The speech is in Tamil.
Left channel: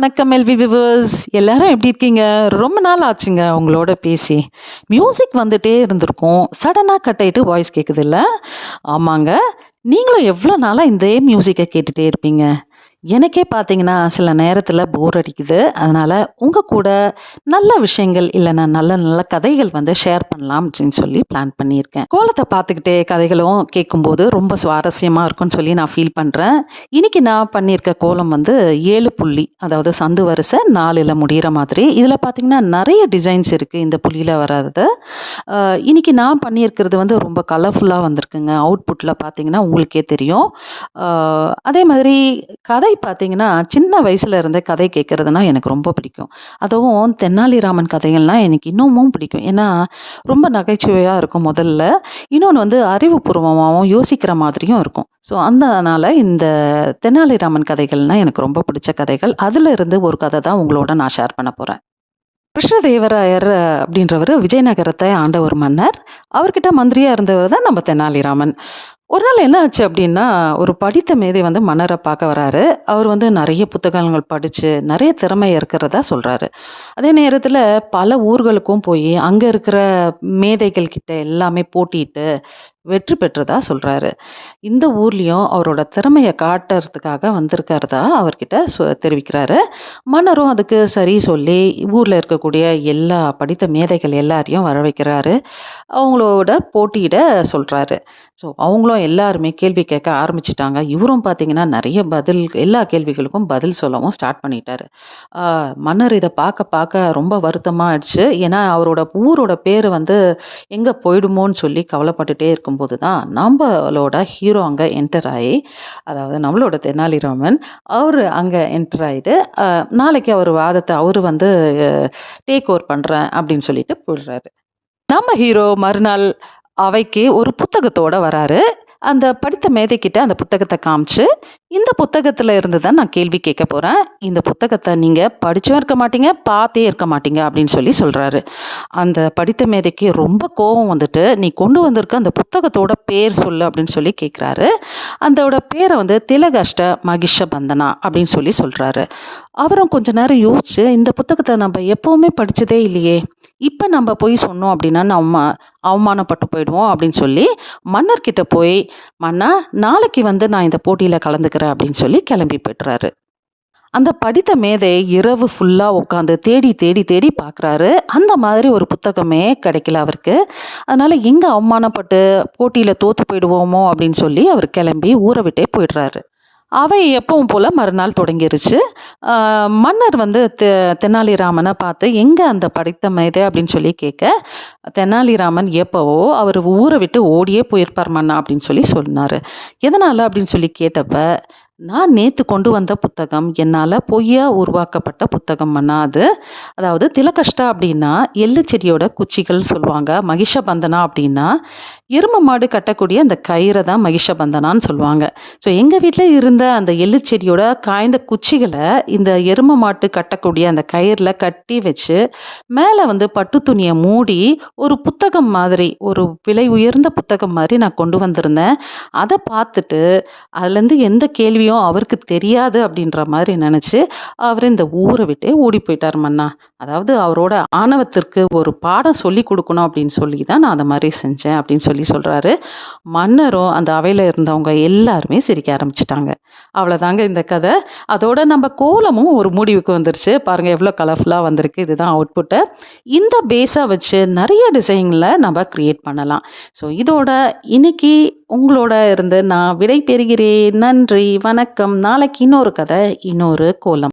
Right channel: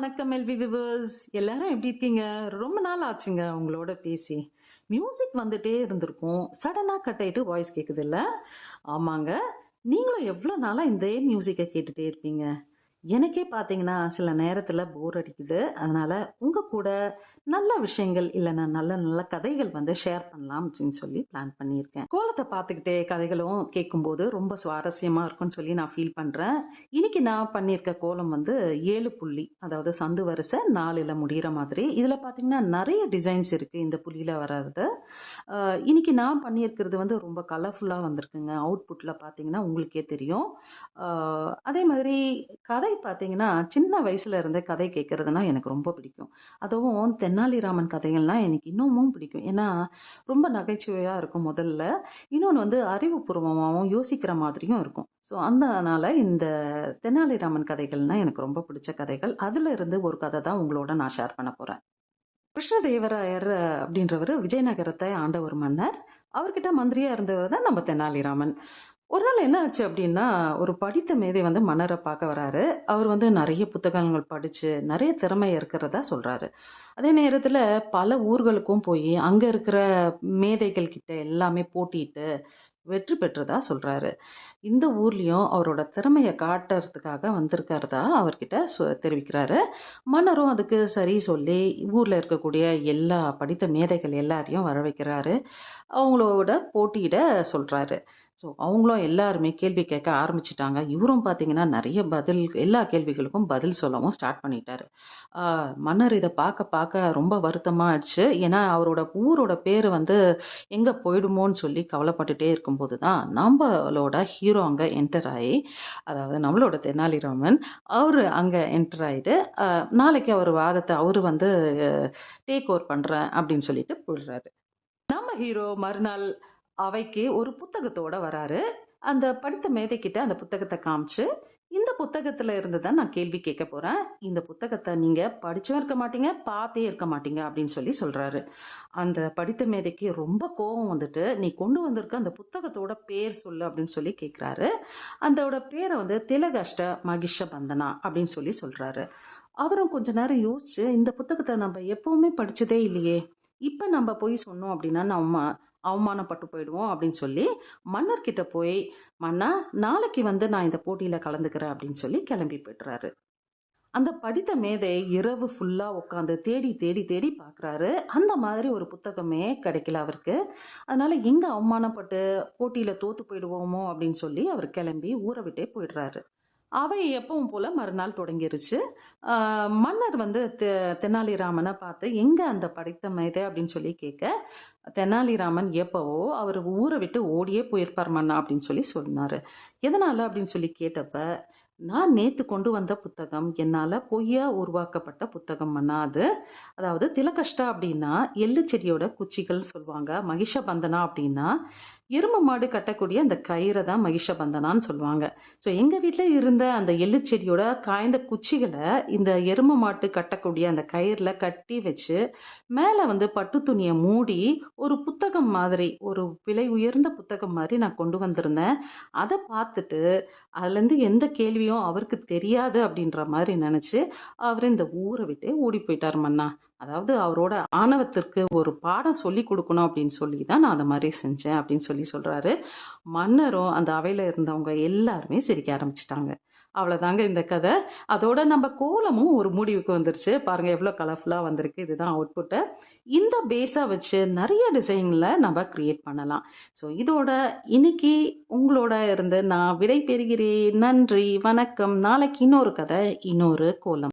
வணக்கம் எல்வி விவர்ஸ் எல்லாரும் எப்படி இருக்கீங்க? ரொம்ப நாள் ஆச்சுங்க உங்களோட பேசி. மியூசிக் வந்துட்டே இருந்திருக்கும். சடனாக கட் ஆகிட்டு வாய்ஸ் கேட்குது இல்லை? ஆமாங்க. நீங்களும் எவ்வளோ நாளாக இந்த மியூசிக்கை கேட்டுகிட்டே இருப்பீங்க? எனக்கே பார்த்தீங்கன்னா சில நேரத்தில் போர் அடிக்குது. அதனால் உங்கள் கூட நல்ல விஷயங்கள் இல்லைன்னா நல்ல நல்ல கதைகள் வந்து ஷேர் பண்ணலாம் அப்படின்னு சொல்லி பிளான் பண்ணியிருக்கேன். கோலத்தை பார்த்துக்கிட்டே கதைகளும் கேட்கும்போது ரொம்ப சுவாரஸ்யமாக இருக்கும்னு சொல்லி நான் ஃபீல் பண்ணுறேன் இன்னைக்கு நான் பண்ணியிருக்க கோலம் வந்து ஏழு புள்ளி அதாவது சந்து வரிசை நாலில் முடிகிற மாதிரி. இதில் பார்த்தீங்கன்னா நிறைய டிசைன்ஸ் இருக்குது இந்த புள்ளியில் வராது இன்றைக்கி நான் பண்ணியிருக்கிறது வந்து ரொம்ப கலர்ஃபுல்லாக வந்திருக்குங்க. அவுட்புட்டில் பார்த்தீங்கன்னா உங்களுக்கே தெரியும். அதே மாதிரி கதை பார்த்தீங்கன்னா சின்ன வயசுல இருந்தே கதை கேட்குறதுனா எனக்கு ரொம்ப பிடிக்கும். அதுவும் தென்னாலிராமன் கதைகள்லாம் எனக்கு இன்னமும் பிடிக்கும். ஏன்னா ரொம்ப நகைச்சுவையாக இருக்கும் முதல்ல. இன்னொன்று வந்து அறிவுபூர்வமாகவும் யோசிக்கிற மாதிரியும் இருக்கும். ஸோ அதனால் இந்த தெனாலிராமன் கதைகள்னால் எனக்கு ரொம்ப பிடிச்ச கதைகள். அதில் இருந்து ஒரு கதை தான் உங்களோட நான் ஷேர் பண்ண போகிறேன் கிருஷ்ணதேவராயர் அப்படின்றவர் விஜயநகரத்தை ஆண்ட ஒரு மன்னர். அவர்கிட்ட மந்திரியாக இருந்தவர் தான் நம்ம தெனாலிராமன் ஒரு நாள் என்ன ஆச்சு அப்படின்னா ஒரு படித்த மேதை வந்து மன்னரை பார்க்க வராரு. அவர் வந்து நிறைய புத்தகங்கள் படித்து நிறைய திறமை இருக்கிறதா சொல்கிறாரு அதே நேரத்தில் பல ஊர்களுக்கும் போய் அங்கே இருக்கிற மேதைகள் கிட்ட எல்லாமே போட்டிட்டு வெற்றி பெற்றதா சொல்கிறாரு இந்த ஊர்லேயும் அவரோட திறமையை காட்டுறதுக்காக வந்திருக்கிறதா அவர்கிட்ட சொ தெரிவிக்கிறாரு. மன்னரும் அதுக்கு சரி சொல்லி ஊரில் இருக்கக்கூடிய எல்லா படித்த மேதைகள் எல்லாரையும் வர வைக்கிறாரு. அவங்களோட போட்டியிட சொல்கிறாரு ஸோ அவங்களும் எல்லாருமே கேள்வி கேட்க ஆரம்பிச்சிட்டாங்க. இவரும் பார்த்தீங்கன்னா நிறைய பதில் எல்லா கேள்விகளுக்கும் பதில் சொல்லவும் ஸ்டார்ட் பண்ணிட்டாரு. மன்னர் இதை பார்க்க பார்க்க ரொம்ப வருத்தமாக ஆயிடுச்சு. ஏன்னா அவரோட ஊரோட பேர் வந்து எங்கே போயிடுமோன்னு சொல்லி கவலைப்பட்டுட்டே இருக்கும்போது தான் நம்மளோட ஹீரோ அங்கே என்டர் ஆகி அதாவது நம்மளோட தெனாலிராமன் அவர் அங்கே என்டர் ஆகிட்டு நாளைக்கு அவர் வாதத்தை அவர் வந்து டேக் ஓவர் பண்ணுறேன் அப்படின்னு சொல்லிட்டு போயிடுறாரு. நம்ம ஹீரோ மறுநாள் அவைக்கு ஒரு புத்தகத்தோடு வராரு. அந்த படித்த மேதைக்கிட்ட அந்த புத்தகத்தை காமிச்சு இந்த புத்தகத்தில் இருந்து தான் நான் கேள்வி கேட்க போகிறேன் இந்த புத்தகத்தை நீங்கள் படித்தும் இருக்க மாட்டீங்க பார்த்தே இருக்க மாட்டீங்க அப்படின்னு சொல்லி சொல்கிறாரு அந்த படித்த மேதைக்கு ரொம்ப கோபம் வந்துட்டு நீ கொண்டு வந்திருக்க அந்த புத்தகத்தோட பேர் சொல்லு அப்படின்னு சொல்லி கேட்குறாரு. அதோட பேரை வந்து திலகஷ்ட மகிஷ பந்தனா அப்படின்னு சொல்லி சொல்கிறாரு அவரும் கொஞ்ச நேரம் யோசிச்சு இந்த புத்தகத்தை நம்ம எப்போவுமே படித்ததே இல்லையே இப்போ நம்ம போய் சொன்னோம் அப்படின்னா நம்ம அவமானப்பட்டு போயிடுவோம் அப்படின்னு சொல்லி மன்னர்கிட்ட போய் மன்னா நாளைக்கு வந்து நான் இந்த போட்டியில் கலந்துக்கிறேன் அப்படின்னு சொல்லி கிளம்பி போய்ட்டுறாரு அந்த படித்த மேதை இரவு ஃபுல்லாக உட்காந்து தேடி தேடி தேடி பார்க்குறாரு அந்த மாதிரி ஒரு புத்தகமே கிடைக்கல அவருக்கு. அதனால் எங்கே அவமானப்பட்டு போட்டியில் தோற்று போயிடுவோமோ அப்படின்னு சொல்லி அவர் கிளம்பி ஊரை விட்டே போயிடுறாரு. அவை எப்பவும் போல் மறுநாள் தொடங்கிருச்சு. மன்னர் வந்து தெ தெனாலிராமனை பார்த்து எங்கே அந்த படித்த மேதை அப்படின்னு சொல்லி கேட்க தெனாலிராமன் எப்போவோ அவர் ஊரை விட்டு ஓடியே போயிருப்பார் மன்னா அப்படின்னு சொல்லி சொன்னார். எதனால்? அப்படின்னு சொல்லி கேட்டப்ப நான் நேற்று கொண்டு வந்த புத்தகம் என்னால் பொய்யா உருவாக்கப்பட்ட புத்தகம் மன்னா அது. அதாவது திலகஷ்டா அப்படின்னா எள்ளு செடியோட குச்சிகள் சொல்லுவாங்க மகிஷபந்தனா அப்படின்னா எரும மாடு கட்டக்கூடிய அந்த கயிறை தான் மகிஷபந்தனான்னு சொல்லுவாங்க. ஸோ எங்கள் வீட்டில் இருந்த அந்த எள்ளு செடியோட காய்ந்த குச்சிகளை இந்த எரும மாட்டு கட்டக்கூடிய அந்த கயிறில் கட்டி வச்சு மேலே வந்து பட்டு துணியை மூடி ஒரு புத்தகம் மாதிரி ஒரு விலை உயர்ந்த புத்தகம் மாதிரி நான் கொண்டு வந்திருந்தேன். அதை பார்த்துட்டு அதுலேருந்து எந்த கேள்வியும் அவருக்கு தெரியாது அப்படின்ற மாதிரி நினச்சி அவர் இந்த ஊரை விட்டே ஓடி போயிட்டார் மன்னா. அதாவது அவரோட ஆணவத்திற்கு ஒரு பாடம் சொல்லி கொடுக்கணும் அப்படின்னு சொல்லி தான் நான் அந்த மாதிரி செஞ்சேன் அப்படின்னு சொல்லி சொல்கிறாரு மன்னரும் அந்த அவையில் இருந்தவங்க எல்லாருமே சிரிக்க ஆரம்பிச்சிட்டாங்க. அவ்வளோதாங்க இந்த கதை. அதோட நம்ம கோலமும் ஒரு முடிவுக்கு வந்துருச்சு. பாருங்கள் எவ்வளோ கலர்ஃபுல்லாக வந்திருக்கு. இதுதான் அவுட்புட்டு இந்த பேஸாக வச்சு நிறைய டிசைனில் நம்ம க்ரியேட் பண்ணலாம். ஸோ இதோட இன்னைக்கு உங்களோட இருந்து நான் விடை பெறுகிறேன். நன்றி வணக்கம். நாளைக்கு இன்னொரு கதை இன்னொரு கோலம்.